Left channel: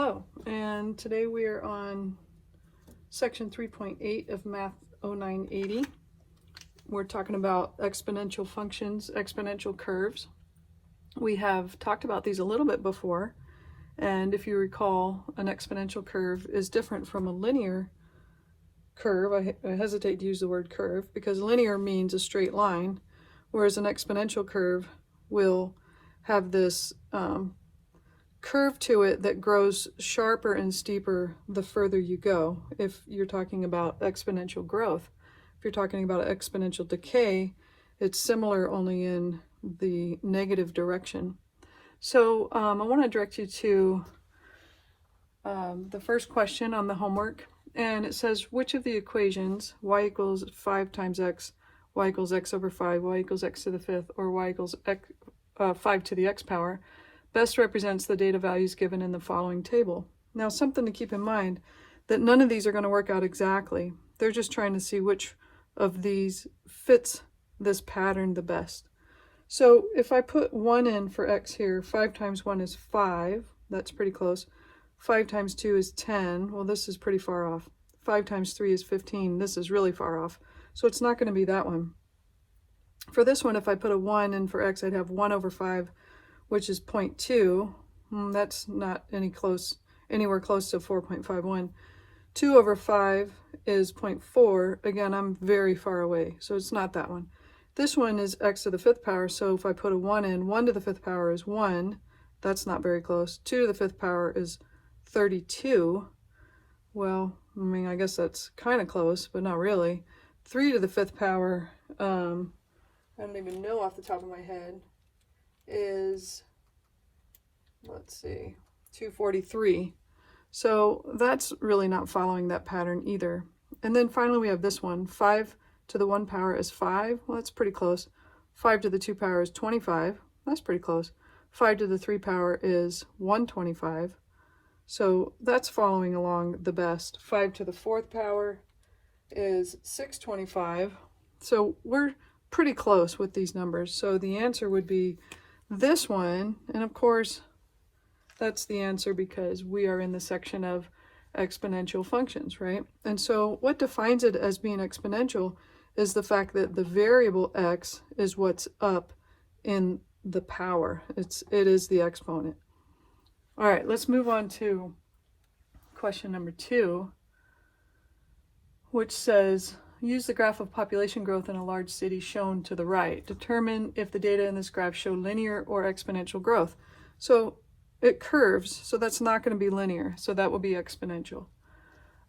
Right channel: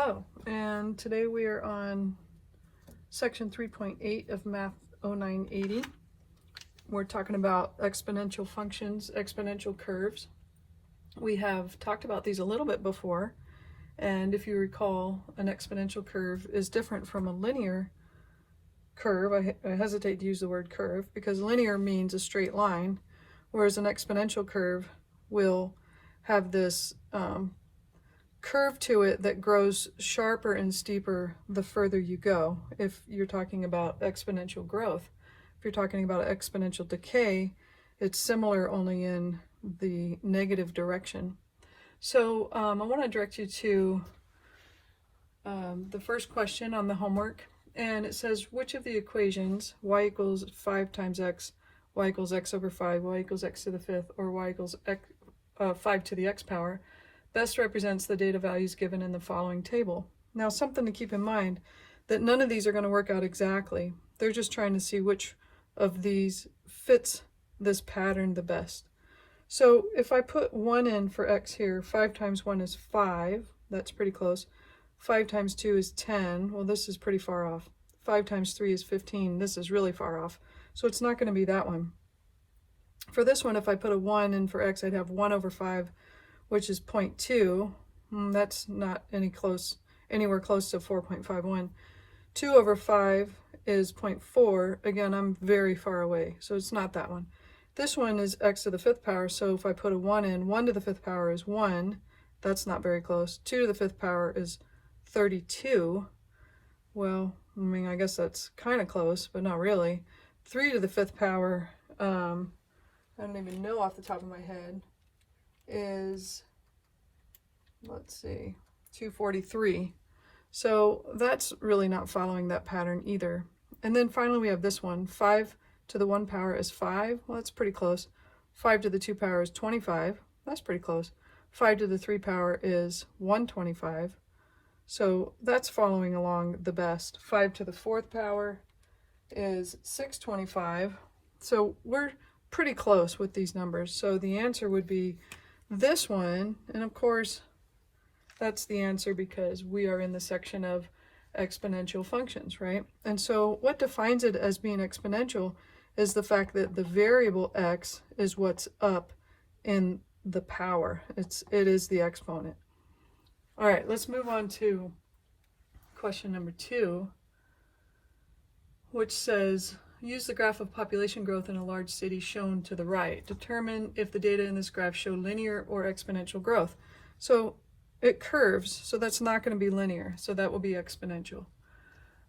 Hello, and today we are on section 3.8 of Math 0980. We're talking about exponential functions, exponential curves. We have talked about these a little bit before, and if you recall, an exponential curve is different from a linear curve. I hesitate to use the word curve because linear means a straight line, whereas an exponential curve will have this curve to it that grows sharper and steeper the further you go. If you're talking about exponential growth, if you're talking about exponential decay, it's similar only in the negative direction. So I want to direct you to the first question on the homework, and it says which of the equations y equals 5 times x, y equals x over 5, y equals x to the fifth, or y equals 5 to the x power best represents the data values given in the following table. Now, something to keep in mind, that none of these are going to work out exactly. They're just trying to see which of these fits this pattern the best. So if I put 1 in for x here, 5 times 1 is 5. That's pretty close. 5 times 2 is 10. Well, this is pretty far off. 5 times 3 is 15. This is really far off. So it's not going to be that one. For this one, if I put a 1 in for x, I'd have 1 over 5, which is 0.2. That's not anywhere close to 4.51. 2 over 5 is 0.4. Again, I'm very far away, so it's not that one. This one is x to the fifth power, so if I put a 1 in, 1 to the fifth power is 1. That's not very close. 2 to the fifth power is 32. Well, I mean, I guess that's kind of close, but not really. 3 to the fifth power, I don't even know off the top of my head, is, let's see, 243. So that's really not following that pattern either. And then finally we have this one. 5 to the 1 power is 5. Well, that's pretty close. 5 to the 2 power is 25. That's pretty close. 5 to the 3 power is 125. So that's following along the best. 5 to the 4th power is 625. So we're pretty close with these numbers. So the answer would be this one, and of course that's the answer because we are in the section of exponential functions, right? And so what defines it as being exponential is the fact that the variable x is what's up in the power. It is the exponent. All right, let's move on to question number 2, which says use the graph of population growth in a large city shown to the right. Determine if the data in this graph show linear or exponential growth. So it curves, so that's not going to be linear, so that will be exponential.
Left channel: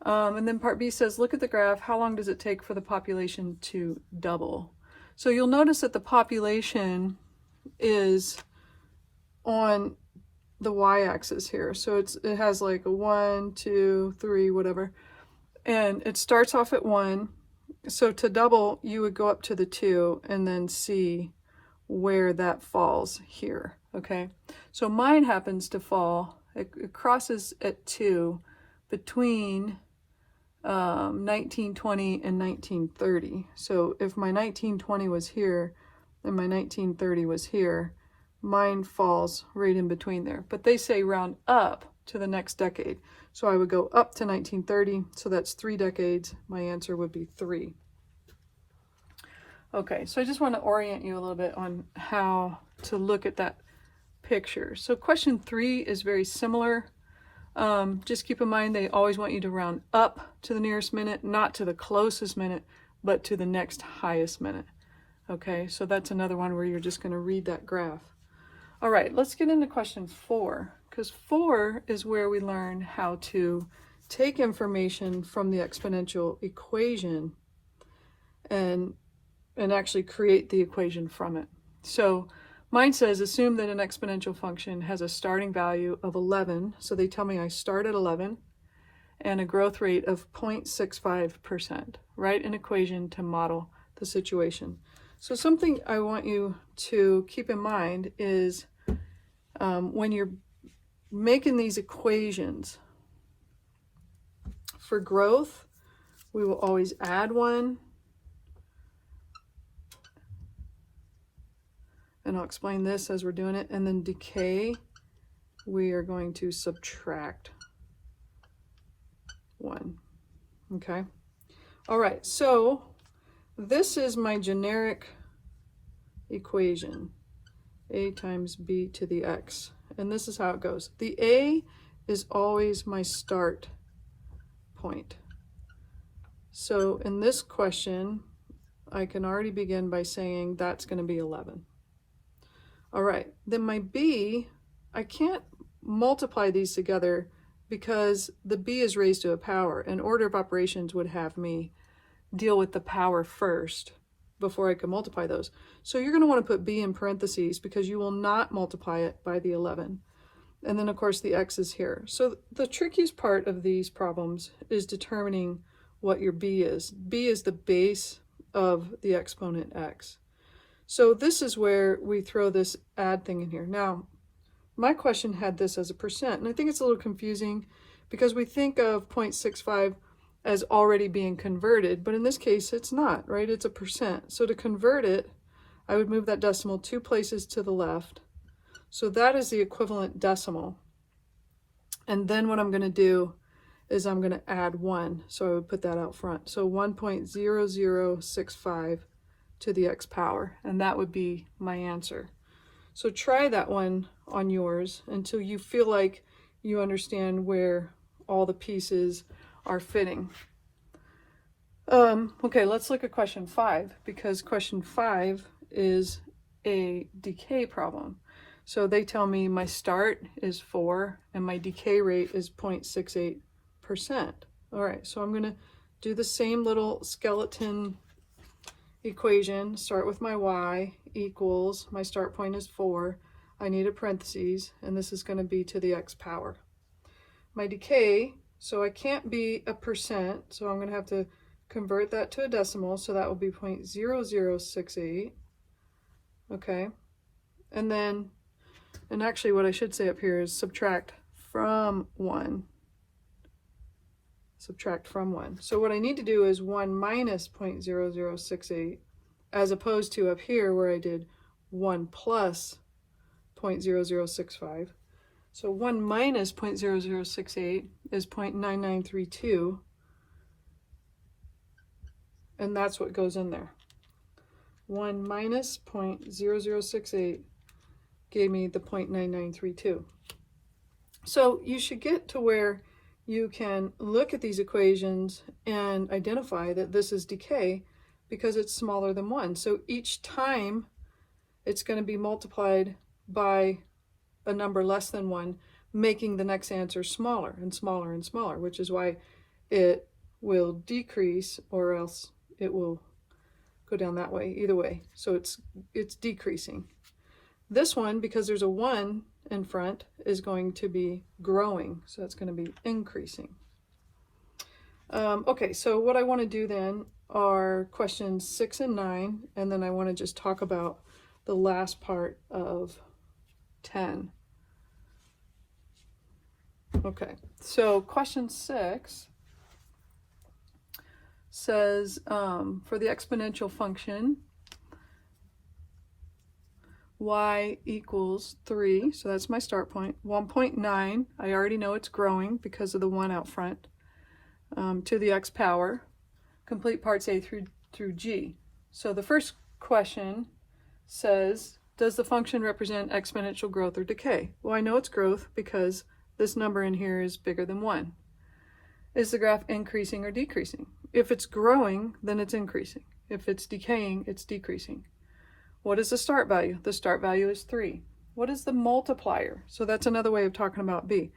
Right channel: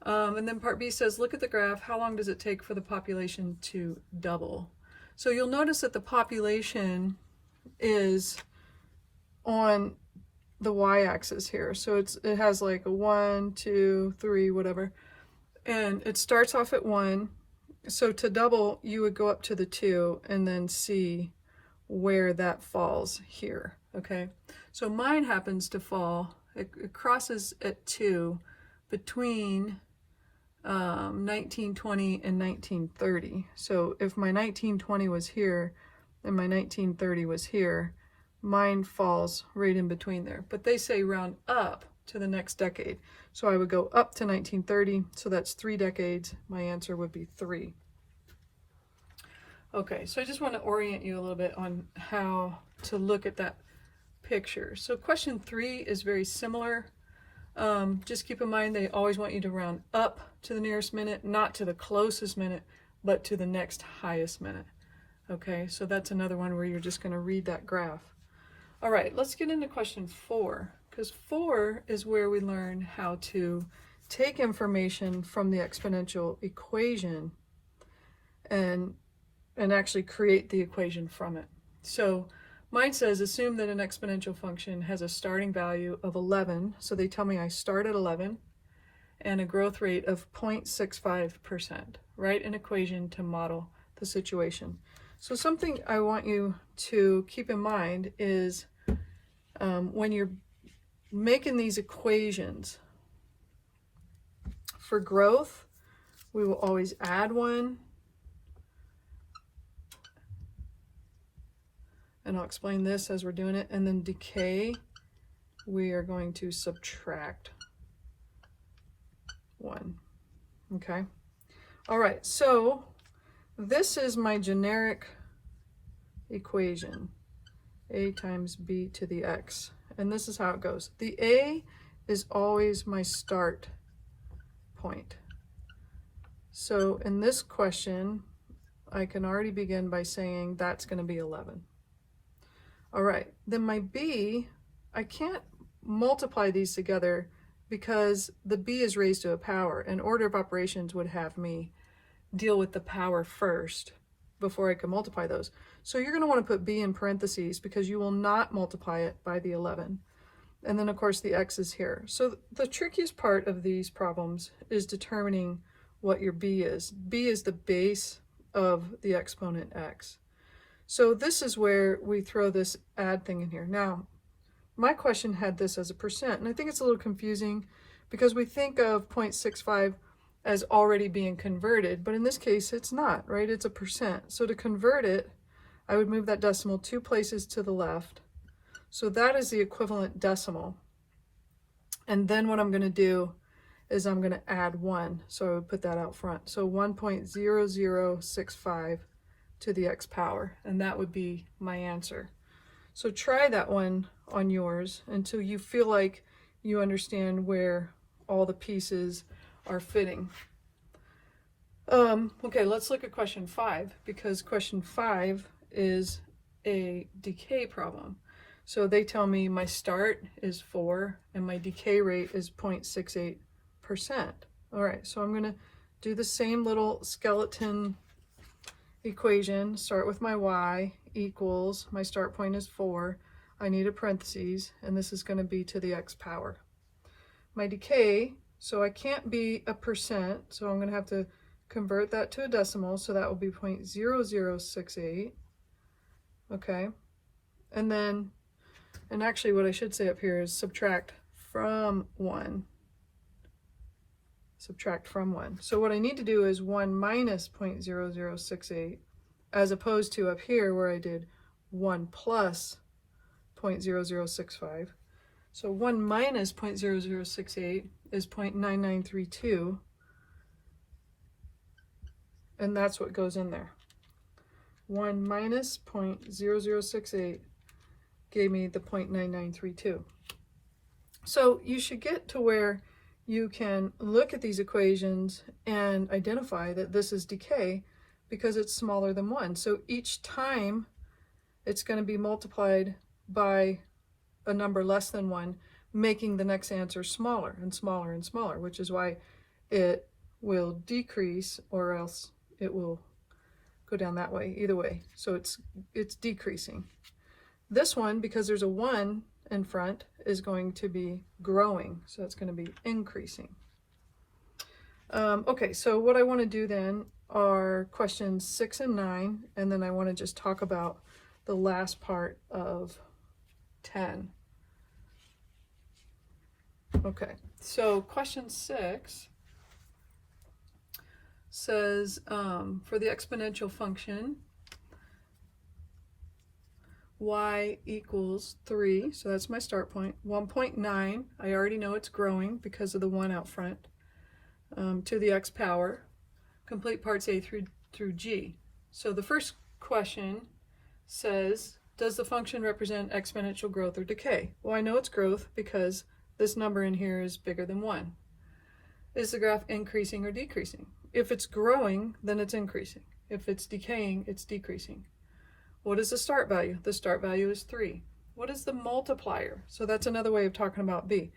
And then part B says, look at the graph. How long does it take for the population to double? So you'll notice that the population is on the y-axis here. So it has like a 1, 2, 3, whatever. And it starts off at 1. So to double, you would go up to the 2 and then see where that falls here, okay? So mine happens to fall, it crosses at 2 between 1920 and 1930. So if my 1920 was here and my 1930 was here, mine falls right in between there. But they say round up to the next decade. So I would go up to 1930, so that's 3 decades. My answer would be 3. Okay, so I just want to orient you a little bit on how to look at that picture. So question 3 is very similar. Just keep in mind they always want you to round up to the nearest minute, not to the closest minute, but to the next highest minute. Okay, so that's another one where you're just going to read that graph. All right, let's get into question 4, because 4 is where we learn how to take information from the exponential equation and actually create the equation from it. So mine says assume that an exponential function has a starting value of 11. So they tell me I start at 11 and a growth rate of 0.65%. Write an equation to model the situation. So something I want you to keep in mind is when you're making these equations for growth, we will always add 1. And I'll explain this as we're doing it. And then decay, we are going to subtract 1. Okay. All right, so this is my generic equation, a times b to the x. And this is how it goes. The a is always my start point. So in this question, I can already begin by saying that's going to be 11. All right, then my b, I can't multiply these together because the b is raised to a power, and order of operations would have me deal with the power first before I can multiply those. So you're going to want to put b in parentheses because you will not multiply it by the 11. And then of course the x is here. So the trickiest part of these problems is determining what your b is. B is the base of the exponent x. So this is where we throw this add thing in here. Now, my question had this as a percent, and I think it's a little confusing because we think of 0.65 as already being converted, but in this case it's not, right? It's a percent. So to convert it, I would move that decimal 2 places to the left. So that is the equivalent decimal. And then what I'm going to do is I'm going to add 1. So I would put that out front. So 1.0065 to the x power, and that would be my answer. So try that one on yours until you feel like you understand where all the pieces are fitting. Okay, let's look at question 5, because question 5 is a decay problem. So they tell me my start is 4 and my decay rate is 0.68%. All right, so I'm going to do the same little skeleton equation. Start with my y equals, my start point is 4. I need a parentheses, and this is going to be to the x power. My decay, so I can't be a percent, so I'm going to have to convert that to a decimal, so that will be 0.0068. Okay, and then, and actually what I should say up here is subtract from 1. Subtract from 1. So what I need to do is 1 minus 0.0068, as opposed to up here where I did 1 plus 0.0065. So 1 minus 0.0068 is 0.9932, and that's what goes in there. 1 minus 0.0068 gave me the 0.9932. So you should get to where you can look at these equations and identify that this is decay because it's smaller than 1. So each time it's going to be multiplied by a number less than 1, making the next answer smaller and smaller and smaller, which is why it will decrease, or else it will go down that way, either way. So it's decreasing. This one, because there's a 1 in front, is going to be growing, so it's going to be increasing. Okay, so what I want to do then are questions 6 and 9, and then I want to just talk about the last part of 10. Okay, so question 6 says for the exponential function y equals 3, so that's my start point, 1.9, I already know it's growing because of the 1 out front, to the x power, complete parts A through G. So the first question says, does the function represent exponential growth or decay? Well, I know it's growth because this number in here is bigger than 1. Is the graph increasing or decreasing? If it's growing, then it's increasing. If it's decaying, it's decreasing. What is the start value? The start value is 3. What is the multiplier? So that's another way of talking about B.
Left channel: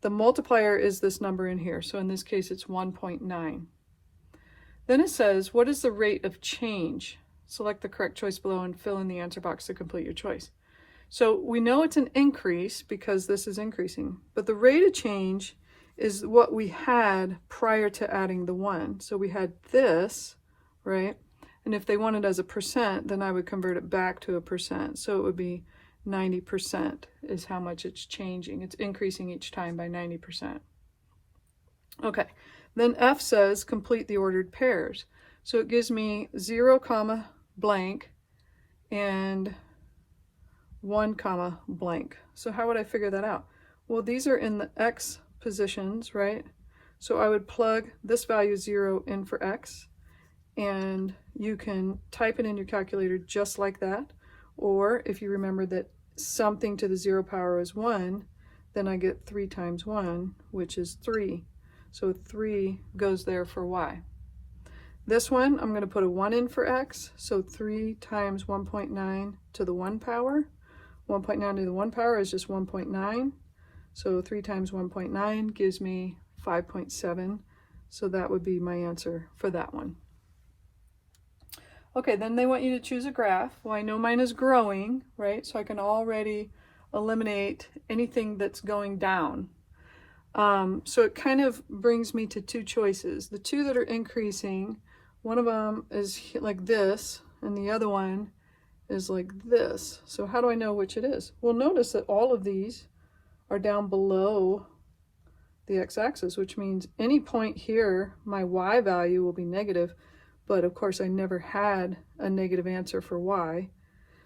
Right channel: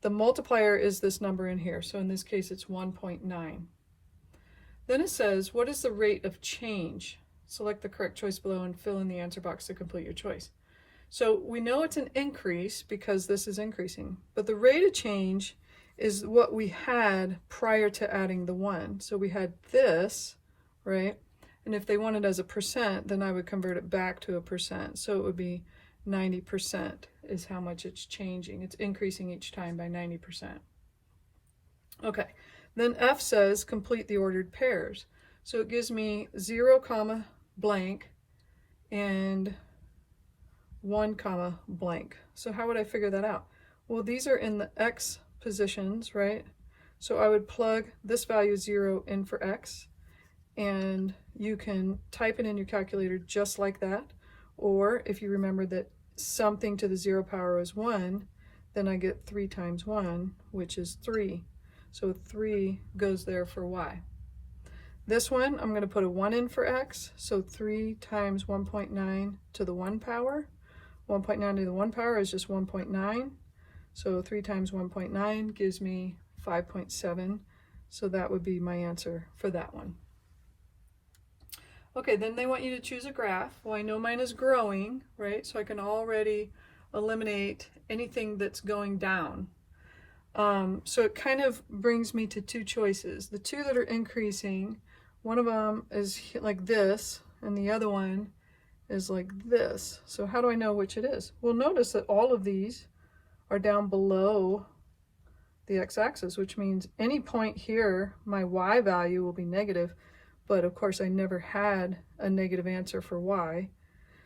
The multiplier is this number in here. So in this case, it's 1.9. Then it says, what is the rate of change? Select the correct choice below and fill in the answer box to complete your choice. So we know it's an increase because this is increasing, but the rate of change is what we had prior to adding the 1. So we had this, right? And if they wanted as a percent, then I would convert it back to a percent. So it would be 90% is how much it's changing. It's increasing each time by 90%. Okay, then F says complete the ordered pairs. So it gives me 0, comma, blank, and 1, comma, blank. So how would I figure that out? Well, these are in the X positions, right? So I would plug this value 0 in for x, and you can type it in your calculator just like that. Or if you remember that something to the 0 power is 1, then I get 3 times 1, which is 3. So 3 goes there for y. This one, I'm going to put a 1 in for x, so 3 times 1.9 to the 1 power. 1.9 to the 1 power is just 1.9. So 3 times 1.9 gives me 5.7. So that would be my answer for that one. Okay, then they want you to choose a graph. Well, I know mine is growing, right? So I can already eliminate anything that's going down. So it kind of brings me to two choices. The two that are increasing, one of them is like this, and the other one is like this. So how do I know which it is? Well, notice that all of these are down below the x-axis, which means any point here, my y value will be negative, but of course I never had a negative answer for y.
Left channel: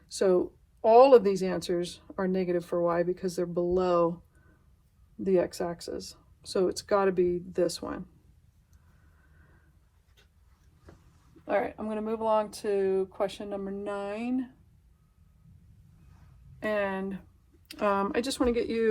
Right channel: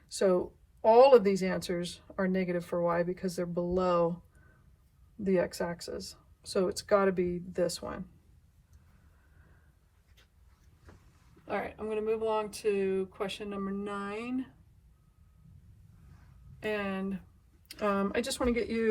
So all of these answers are negative for y because they're below the x-axis. So it's got to be this one. All right, I'm going to move along to question number 9. And I just want to get you